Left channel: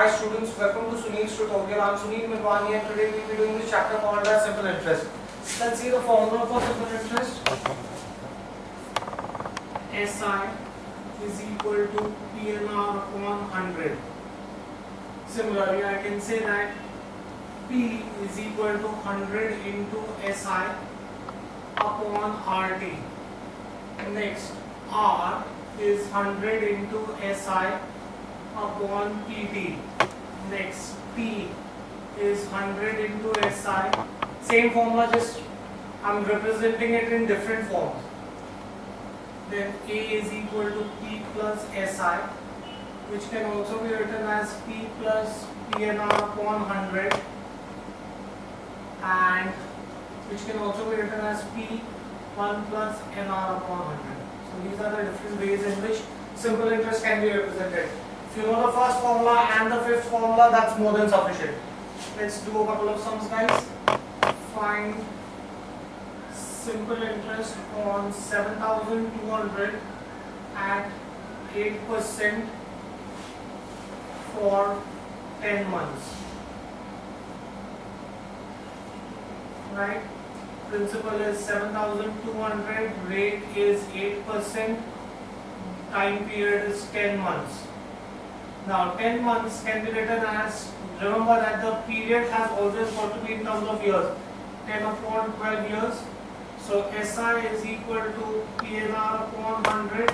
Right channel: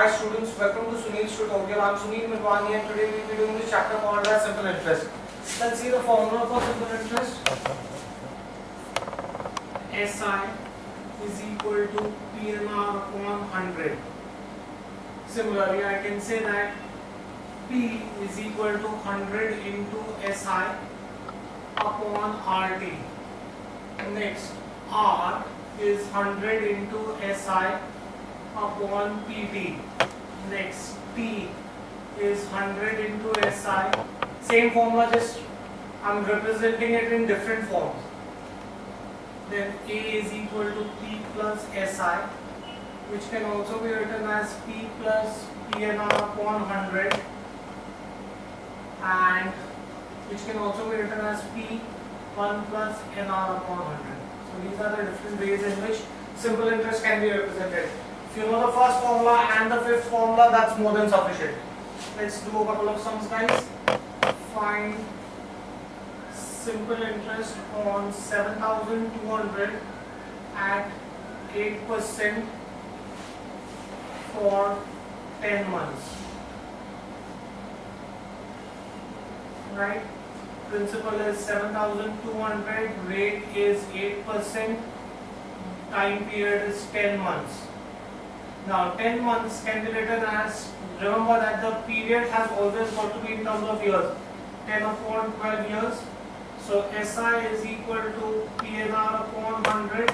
Hi students, welcome to Sunil's tutorial. I'm Sunil Milwani and today we will be doing this chapter called as simple interest. Let's see the formula for simple interest. SI is equal to PNR upon 100. Similarly, I can say that P is equal to 100 into SI upon RT. Next, R is 100 into SI upon PT. Next, P is 100 into SI. Same formula, just I'm representing it in different forms. Then A is equal to P plus SI, which can also be written as P plus PNR upon 100, and which can also be written as P1 plus NR upon 100. So these are the different ways in which simple interest can be represented. If you know the first formula and the fifth formula, that's more than sufficient. Let's do a couple of sums, guys. Find simple interest on 7,200 at 8% for 10 months. Right? Principal is 7,200, rate is 8%, time period is 10 months. Now 10 months can be written as, remember that the period has always got to be in terms of years, 10 upon 12 years. So SI is equal to PNR upon 100,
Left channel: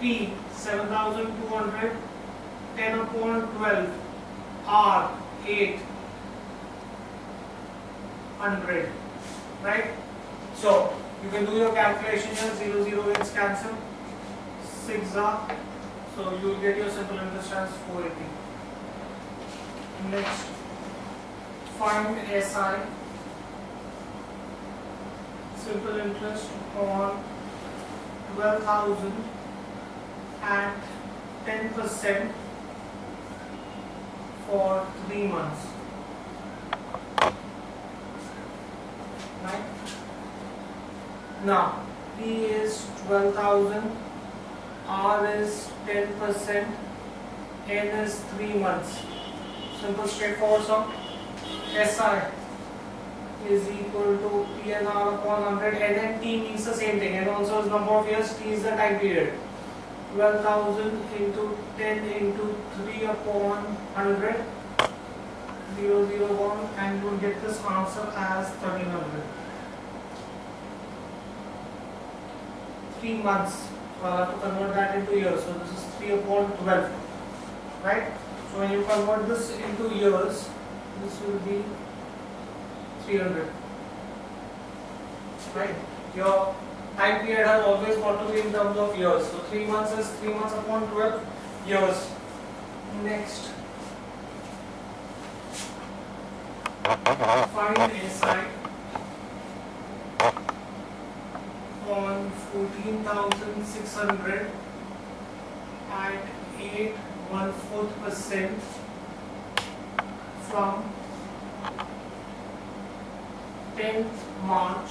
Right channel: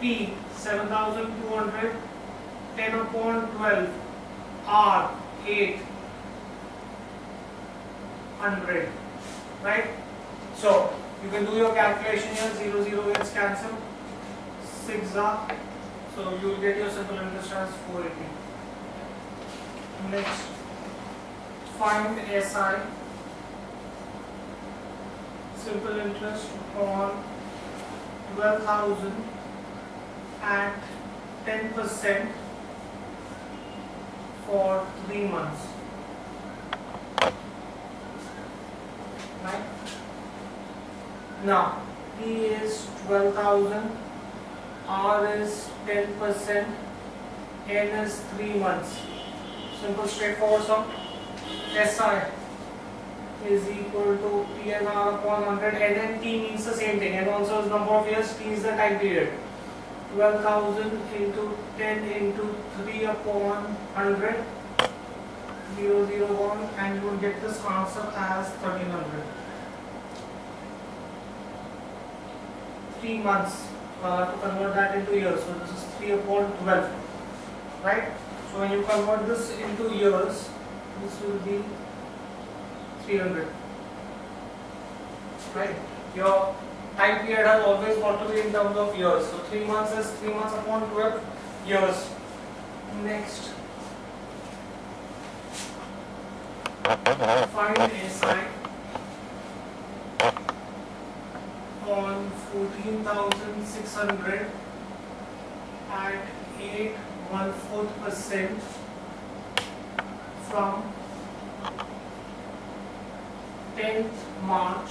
P 7,200, 10 upon 12, R 800, right? So you can do your calculation here, 0 0 gets cancelled, 6 are. So you will get your simple interest as 480. Next, find SI, simple interest on 12,000 at 10% for 3 months. Right? Now, P is 12,000. R is 10%, N is 3 months. Simple straightforward sum. SI is equal to PNR upon 100. N and T means the same thing. N also is number of years, T is the time period. 12,000 into 10 into 3 upon 100, 0 0 1, and you will get this answer as 1,300. 3 months. So I'll have to convert that into years. So this is 3 upon 12, right? So when you convert this into years, this will be 300, right? Your time period has always got to be in terms of years. So 3 months is 3 months upon 12 years. Next, find SI on 14,600 at 8.14% from 10th March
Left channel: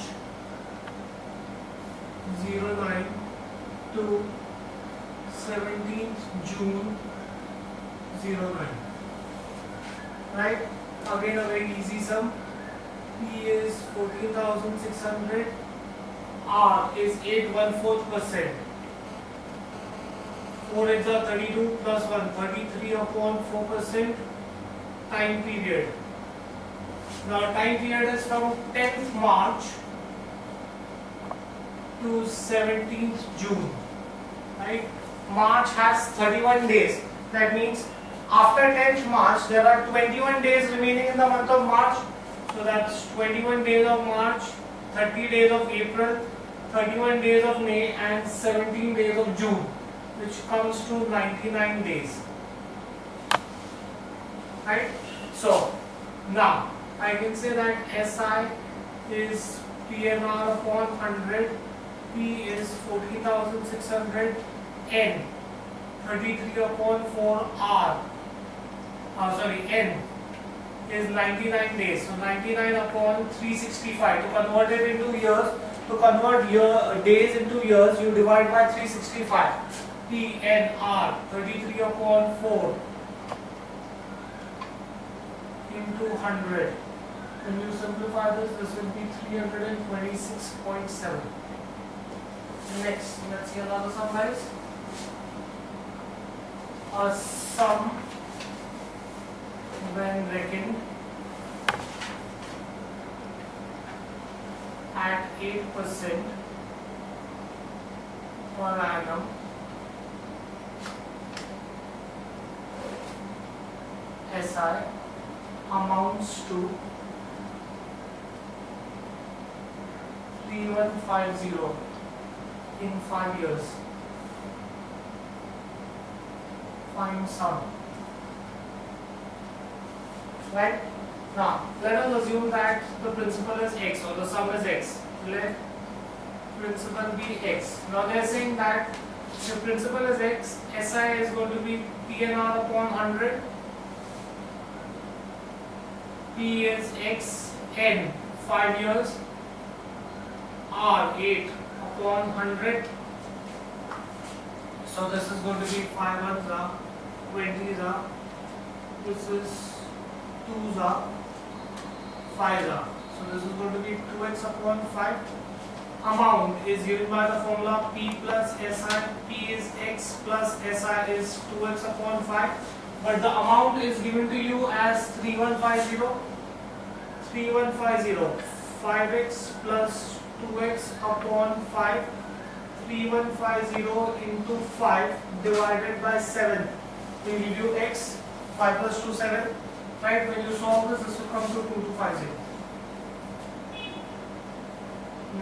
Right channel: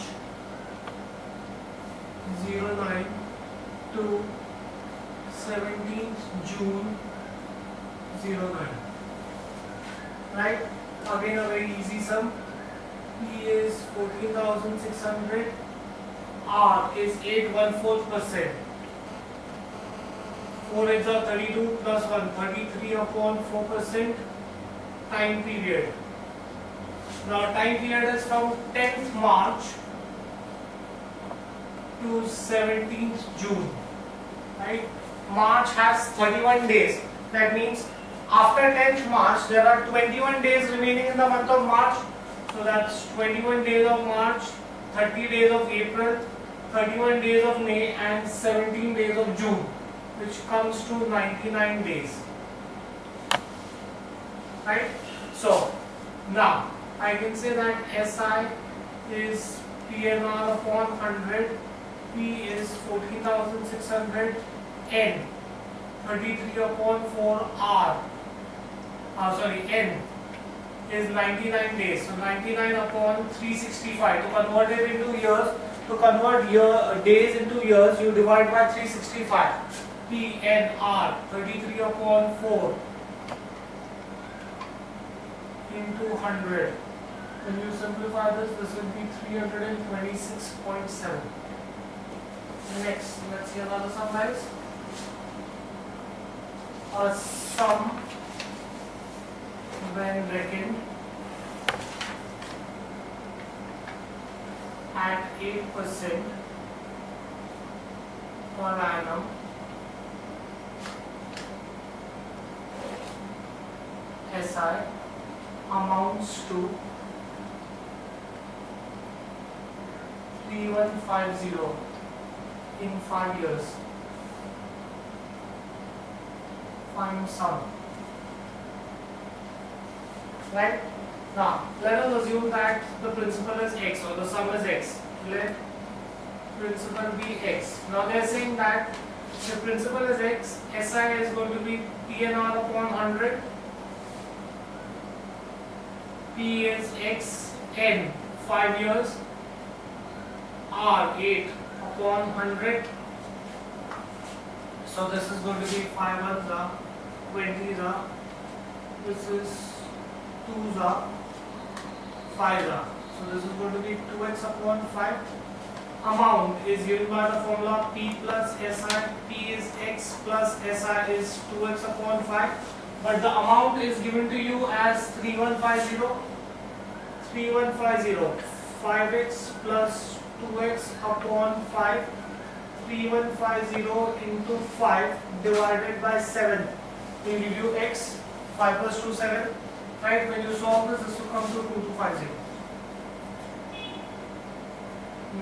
09 to 17th June 09. Right? Again a very easy sum. P is 14,600. R is 8.14%. 4 is 32 plus 1, 33 upon 4% time period. Now time period is from 10th March to 17th June. Right? March has 31 days. That means after 10th March there are 21 days remaining in the month of March. So that's 21 days of March, 30 days of April, 31 days of May, and 17 days of June, which comes to 99 days. Right? So now I can say that SI is PNR upon 100, P is 14,600, N 33 upon 4, N is 99 days. So 99 upon 365. To convert it into years, to convert days into years, you divide by 365. PNR 33 upon 4 into 100. When you simplify this will be 326.7. Next, let's see another sum, guys. A sum when reckoned at 8% per annum SI amounts to 3150 in 5 years. Find sum. Right? Now, let us assume that the principal is x or the sum is x. Let principal be x. Now they are saying that the principal is x, SI is going to be PNR upon 100. P is x n 5 years, R 8 upon 100. So this is going to be 5 ones are 20s are, this is 2s are, 5s are. So this is going to be 2x upon 5. Amount is given by the formula P plus SI. P is x plus SI is 2x upon 5. But the amount is given to you as 3150. 3150. 5x plus 2x upon 5. 3150 into 5 divided by 7 will give you x. 5 plus 2 7. Right? When you solve this will come to 2250.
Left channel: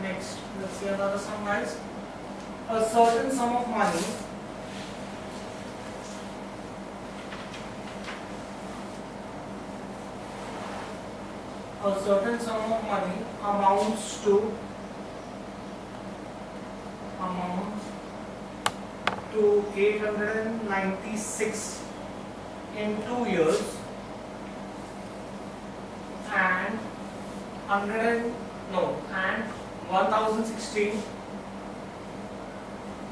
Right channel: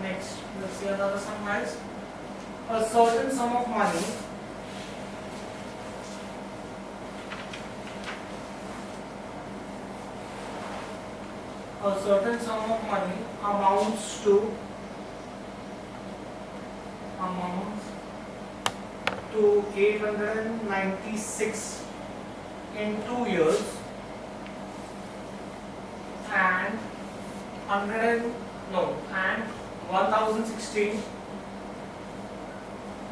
Next, let's see another sum, guys. A certain sum of money amounts to 896 in 2 years and 1016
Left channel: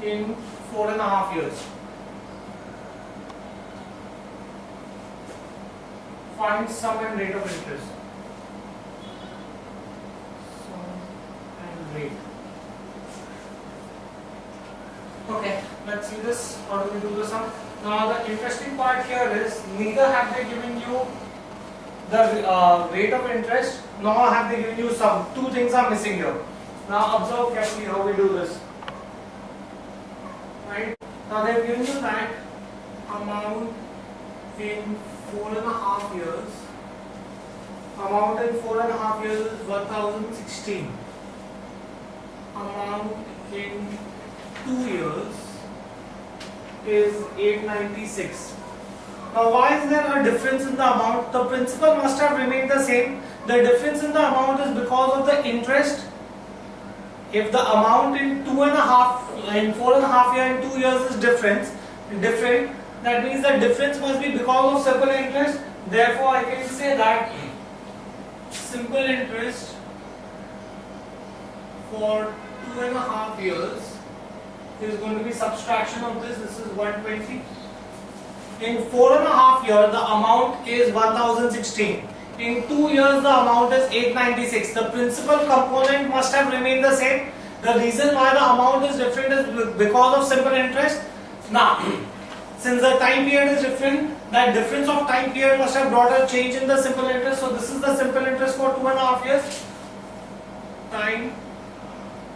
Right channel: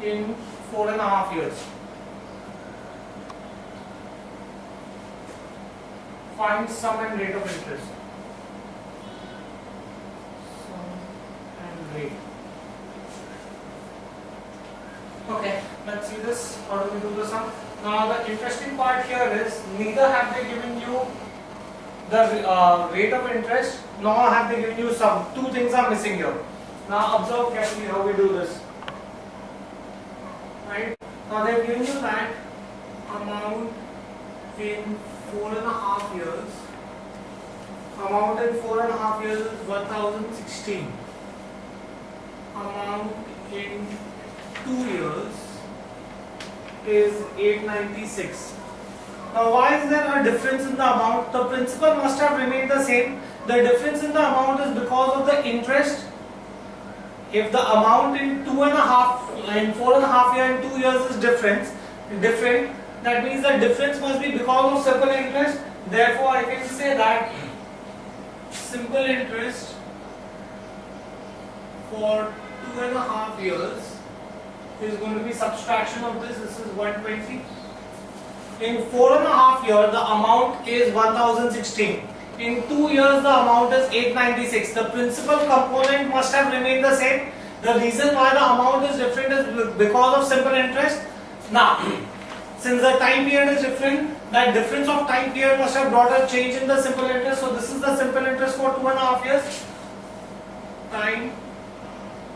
in 4.5 years. Find sum and rate of interest. Sum and rate. Okay, let's see this. How do we do the sum? Now the interesting part here is neither have they given you the rate of interest nor have they given you sum. Two things are missing here. Now observe carefully how we do this. Right? Now they have given you that amount in 4.5 years. Amount in 4.5 years is 1016. Amount in 2 years is 896. Now why is there a difference in the amount? The principal must have remained the same. The difference in the amount is because of the interest. If the amount in 4.5 years and 2 years is different, that means the difference must be because of simple interest. Therefore I can say that simple interest for 2.5 years is going to be subtraction of this. This is 120. In 4.5 years, the amount is 1016. In 2 years, the amount is 896. The principal component must have remained the same. The reason why the amount is different is because of simple interest. Now, since the time period is different, that difference of time period must have brought a change in the simple interest. So this is the simple interest for 2.5 years. Time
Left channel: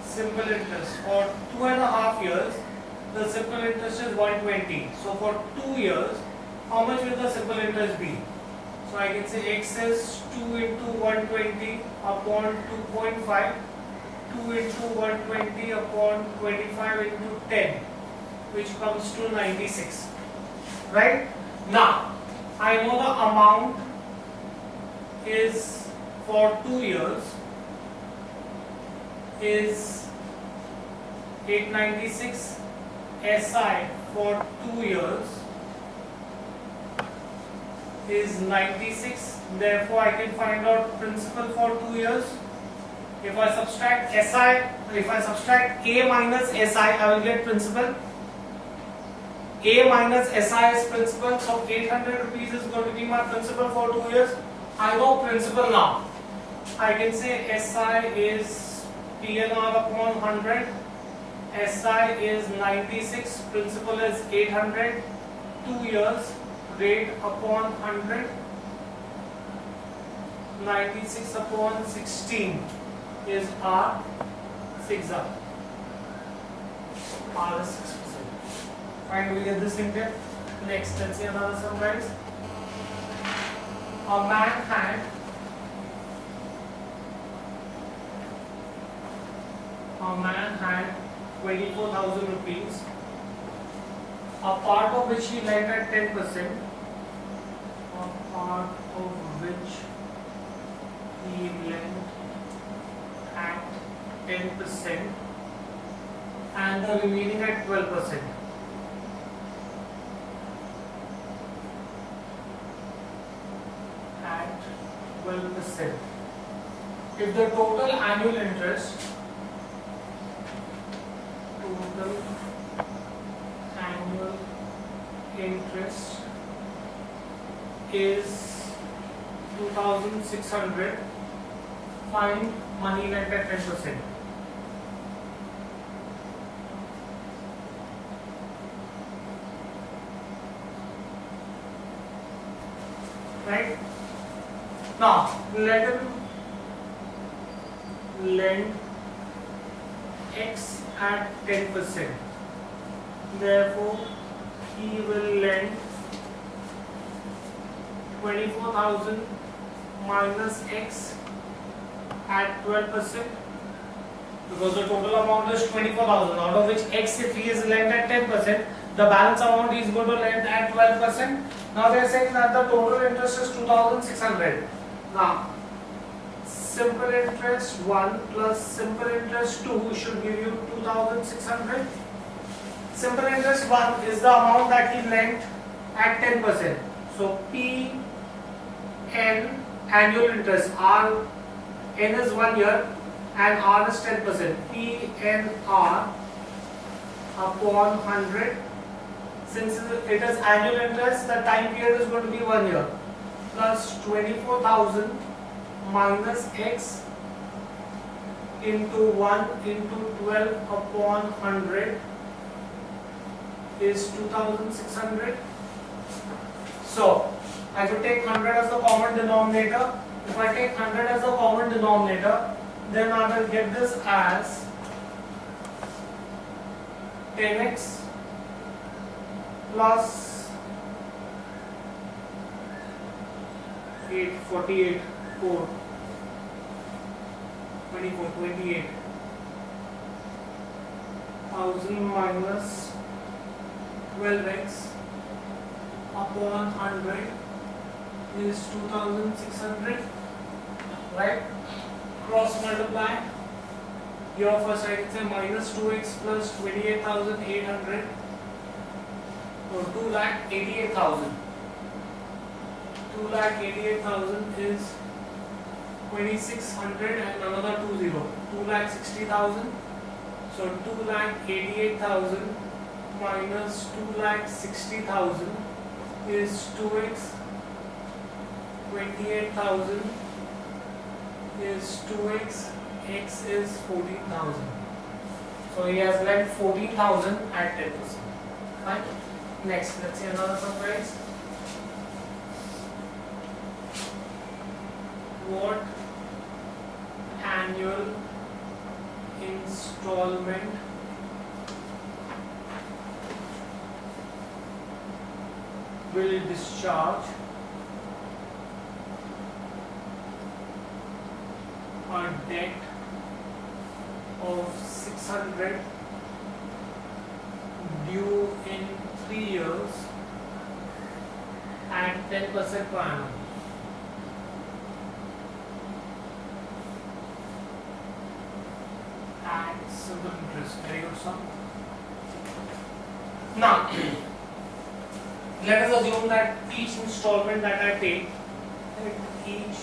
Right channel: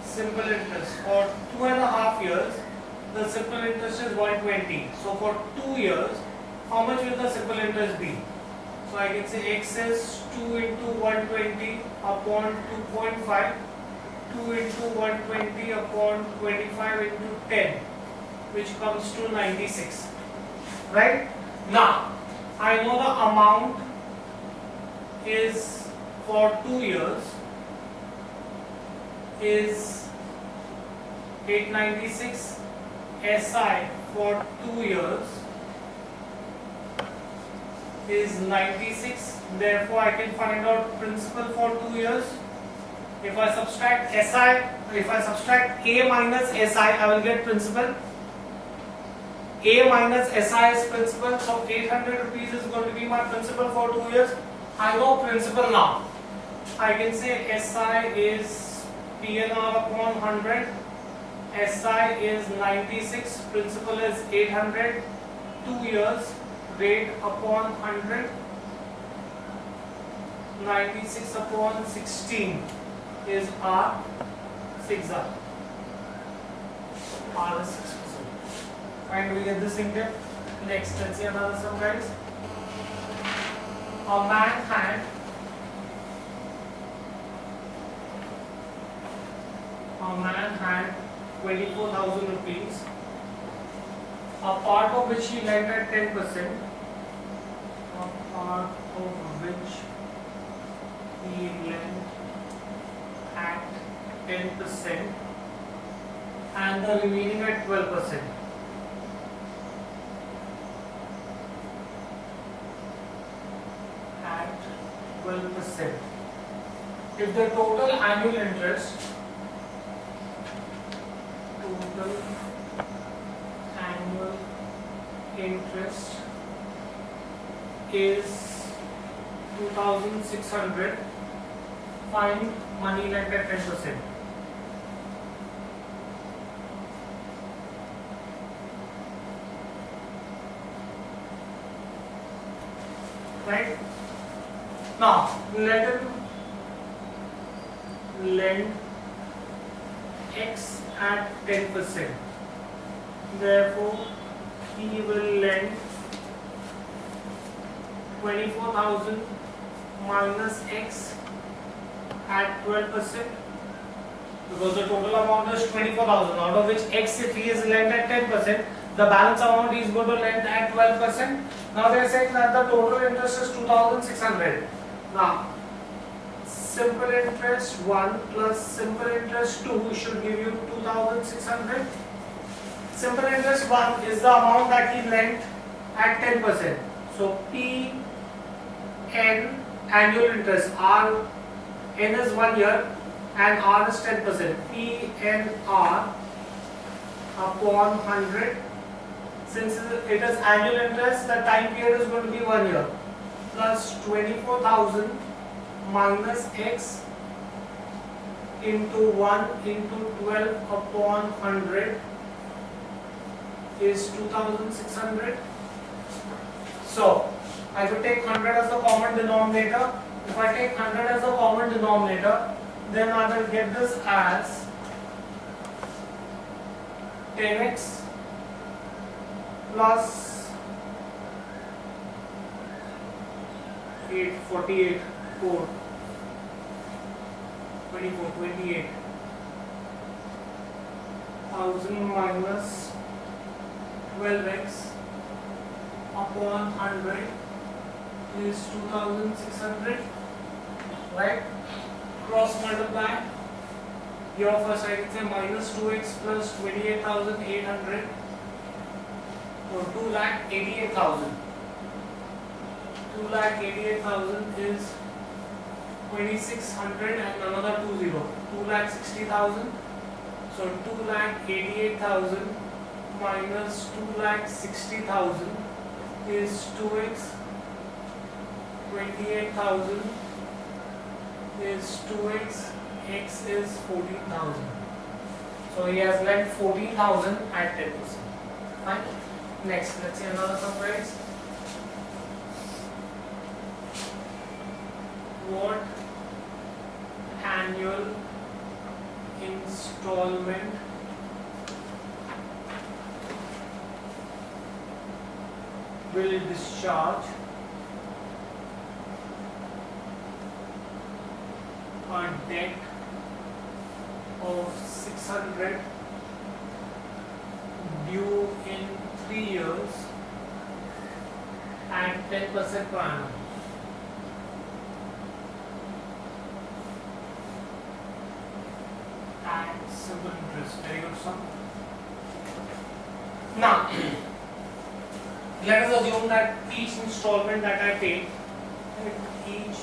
simple interest for 2.5 years, the simple interest is 120. So for 2 years, how much will the simple interest be? So I can say x is 2 into 120 upon 2.5, 2 into 120 upon 25 into 10, which comes to 96. Right? Now, I know the amount is for 2 years is 896. SI for 2 years is 96. Therefore, I can find out principal for 2 years. If I subtract SI, if I subtract A minus SI, I will get principal. A minus SI is principal, so 800 rupees is going to be my principal for 2 years. I know principal now. I can say SI is PNR upon 100. SI is 96. Principal is 800. 2 years. Rate upon 100. 96 upon 16 is R. 6R. R is 6%. Fine, we get this in depth. Next, let's see another sum, guys. A man had 24,000 rupees, a part of which he lent at 10%, and the remaining at 12%. At 12%. If the total annual interest is 2,600, find money lent at 10%. Right? Now, let him lend X at 10%. Therefore, he will lend 24,000 minus X at 12%, because the total amount is 24,000, out of which X, if he is lent at 10%, the balance amount he is going to lend at 12%. Now they are saying that the total interest is 2,600. Now, simple interest 1 plus simple interest 2 should give you 2,600. Simple interest 1 is the amount that he lent at 10%. So P N annual interest, R N is 1 year and R is 10%. P N R upon 100. Since it is annual interest, the time period is going to be 1 year, plus 24,000 minus X into 1 into 12 upon 100 is 2,600. So I could take 100 as the common denominator. If I take 100 as the common denominator, then I will get this as 10x plus 848 4 24 28 1000 minus 12x upon 100 is 2,600, right? Cross multiply. Here first I can say minus 2x plus 28,800, or 2,88,000. 2,88,000 is 2,600 and another 20. 2,60,000. So 2,88,000 minus 2,60,000 is 2x. 28,000 is 2x. X is 14,000. So he has lent 14,000 at 10%. Fine. Next, let's see another surprise. What annual installment will discharge a debt of 600 due in 3 years at 10% per annum? At simple interest. Very good, sir. Now, let us assume that each installment that I pay, each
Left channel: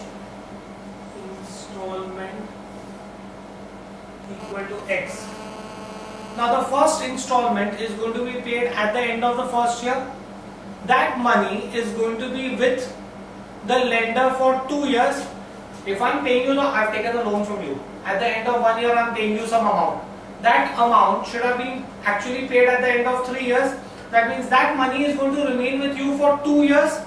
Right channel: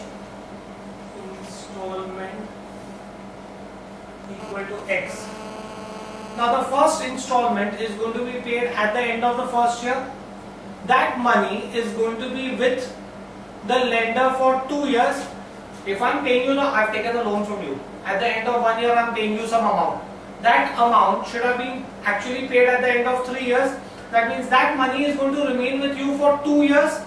installment equal to X. Now the first installment is going to be paid at the end of the first year. That money is going to be with the lender for 2 years. If I'm paying you, I've taken a loan from you. At the end of 1 year, I'm paying you some amount. That amount should have been actually paid at the end of 3 years. That means that money is going to remain with you for 2 years.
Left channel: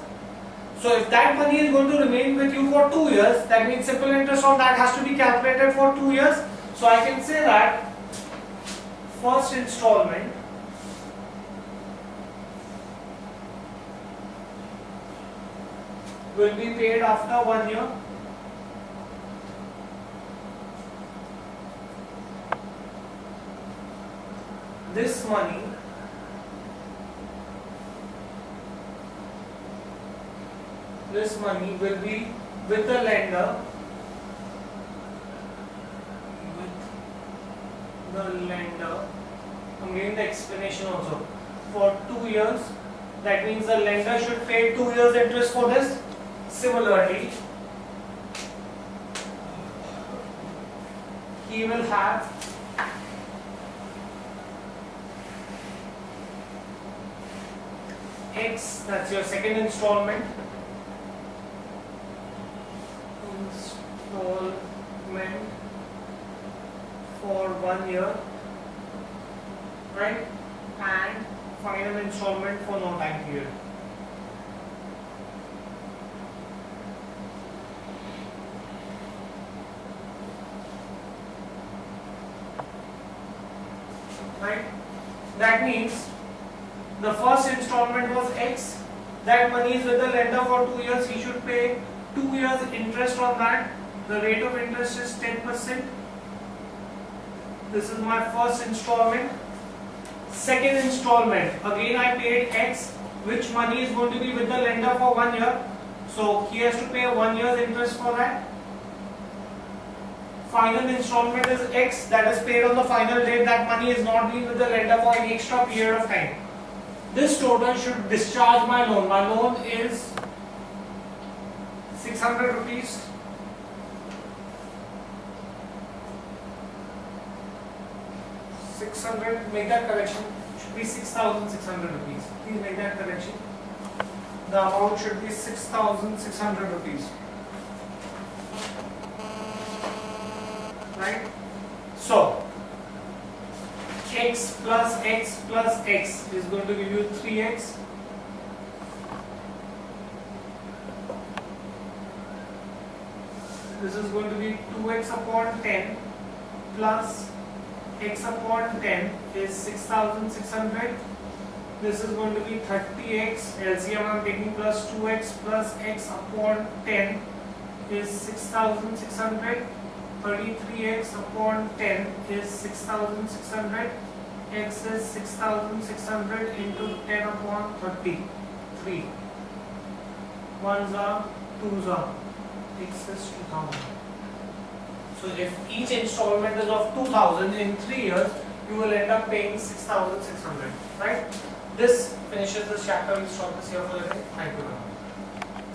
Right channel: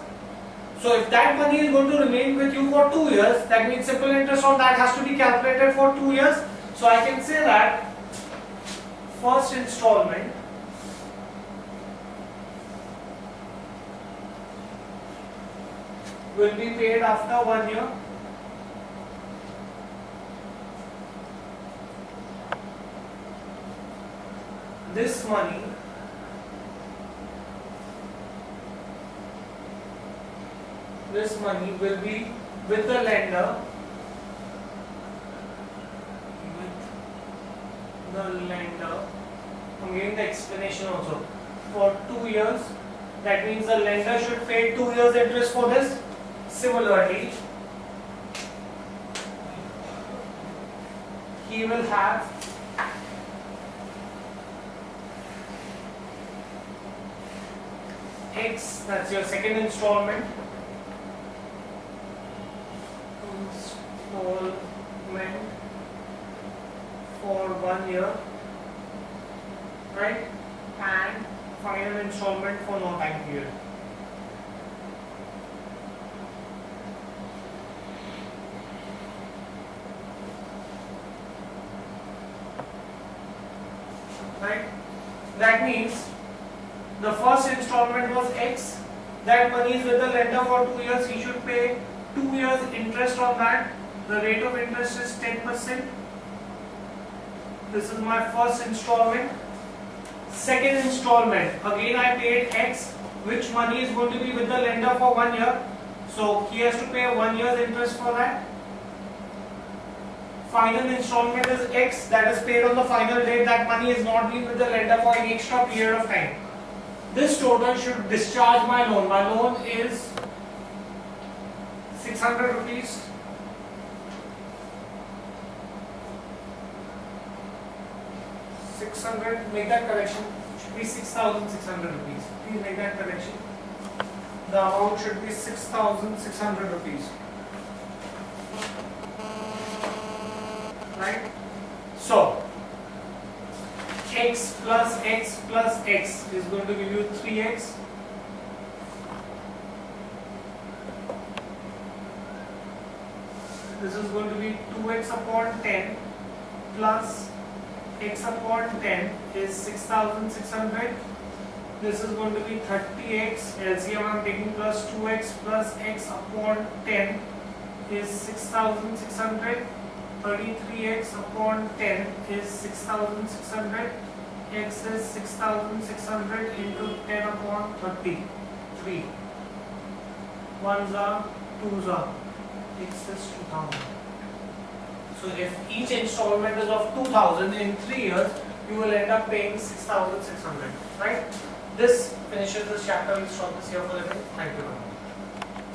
So if that money is going to remain with you for 2 years, that means simple interest on that has to be calculated for 2 years. So I can say that first installment will be paid after 1 year. This money will be with the lender I'm giving the explanation also, for 2 years. That means the lender should pay 2 years interest for this. Similarly, he will have X, that's your second installment. For 1 year, right? And final installment for no time period. Right? That means the first installment was X. That money is with the lender for 2 years. He should pay 2 years interest on that. The rate of interest is 10%. This is my first installment. Second installment, again I paid X, which money is going to be with the lender for 1 year. So he has to pay 1 year's interest for that. Final installment is X, that is paid on the final date. That money is not being with the lender for any extra period of time. This total should discharge my loan. My loan is 600 rupees. Make that correction, should be 6,600 rupees. Please make that correction. The amount should be 6,600 rupees. Right? So, X plus X plus X is going to give you 3X. This is going to be 2X upon 10 plus X upon 10 is 6,600. This is going to be 30X. LCM I am taking plus 2X plus X upon 10 is 6,600. 33X upon 10 is 6,600. X is 6,600 into 10 upon 30. 3. 1s are 2s are. X is 2,000. So if each installment is of 2,000 in 3 years, you will end up paying 6,600, right? This finishes this chapter. We'll stop this here for the day. Thank you very much.